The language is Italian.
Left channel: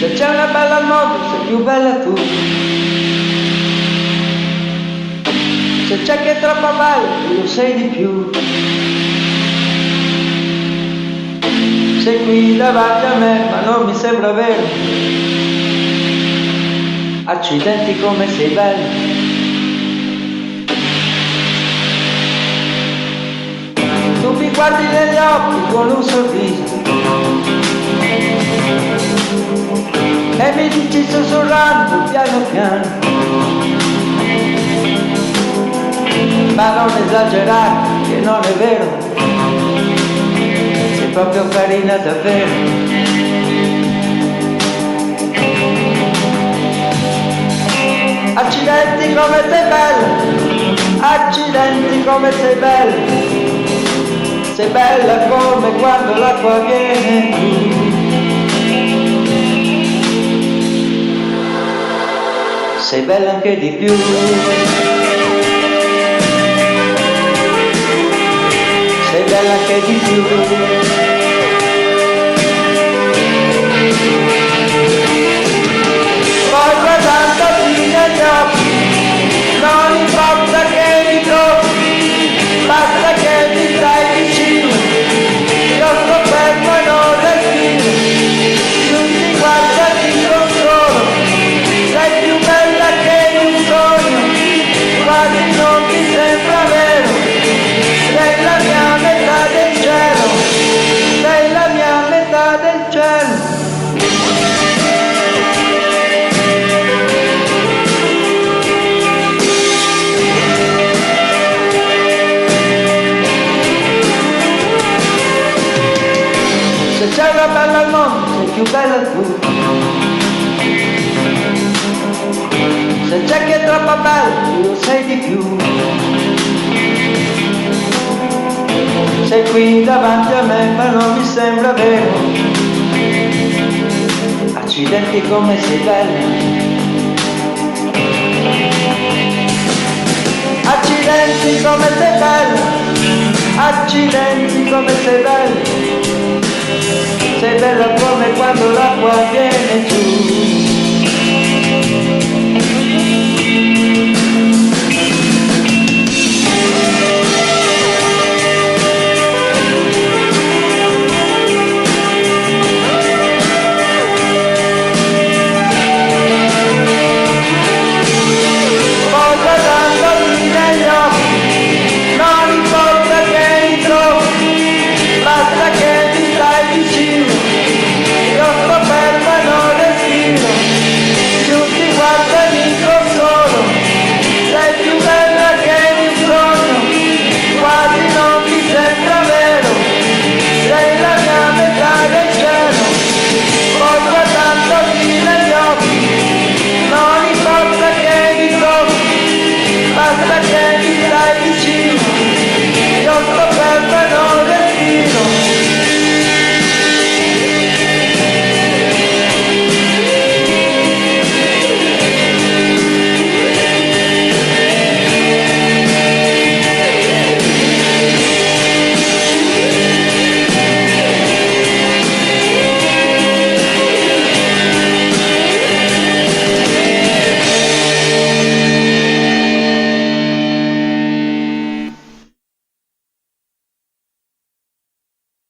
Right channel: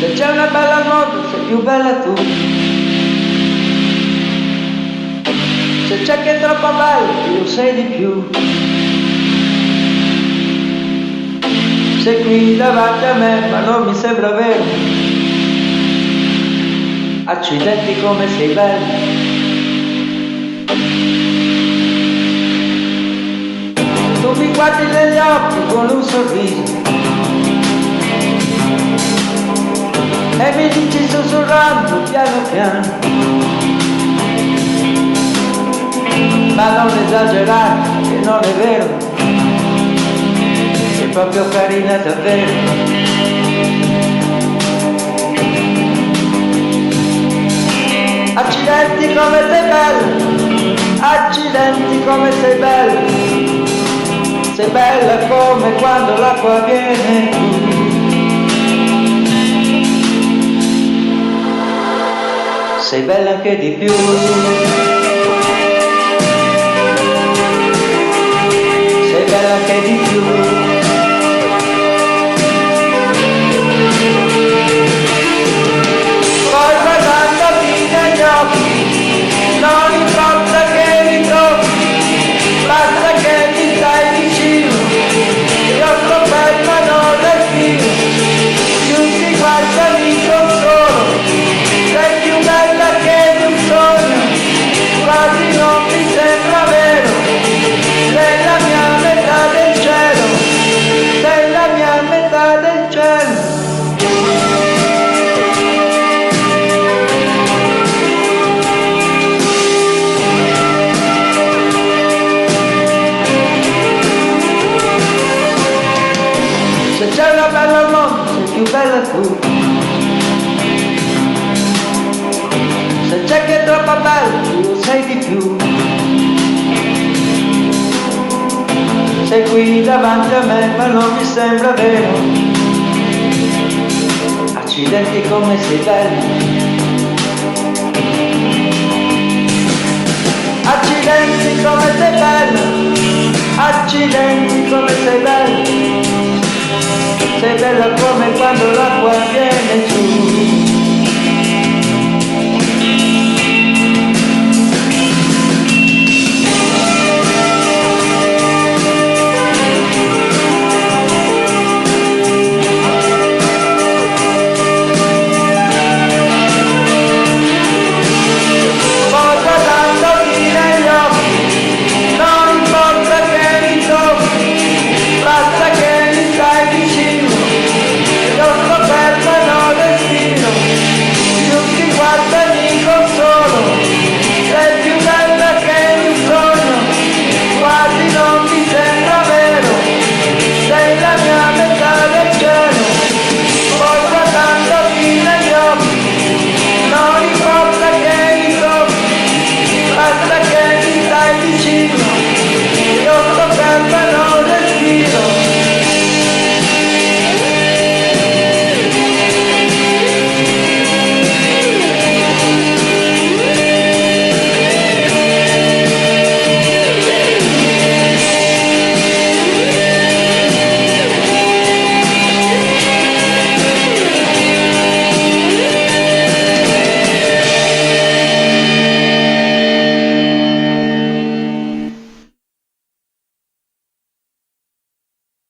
Se c'è una bella al mondo, sei più bella tu. Se c'è che è troppo bella, io sei di più. Sei qui davanti a me, ma non mi sembra vero. Accidenti come sei bella. Tu mi guardi negli occhi con un sorriso e mi dici sussurrando piano piano, ma non esagerare, che non è vero, sei proprio carina davvero. Accidenti come sei bella, accidenti come sei bella, sei bella come quando l'acqua viene giù. Sei bella anche di più. Sei bella anche di più. Poi guardandoti negli occhi, non importa che mi tocchi, basta che mi stai vicino, io sto fermo e non respiro, più ti guardo mi consolo. Sei più bella che di un sogno, quasi non mi sembra vero. Sei la mia metà del cielo, sei la mia metà del cielo. Se c'è una bella al mondo, sei più bella tu. Se c'è che è troppo bella, io sei di più. Sei qui davanti a me, ma non mi sembra vero. Accidenti come sei bella. Accidenti come sei bella. Accidenti come sei bella. Sei bella come quando l'acqua viene giù. Guardandoti negli occhi, non importa che mi tocchi, basta che mi stai vicino, io sto fermo e non respiro, più ti guardo e mi consolo, sei più bella che di un sogno, quasi non mi sembra vero, sei la mia metà del cielo, poi guardandoti negli occhi, non importa che mi tocchi, basta che mi stai vicino, io sto fermo e non respiro.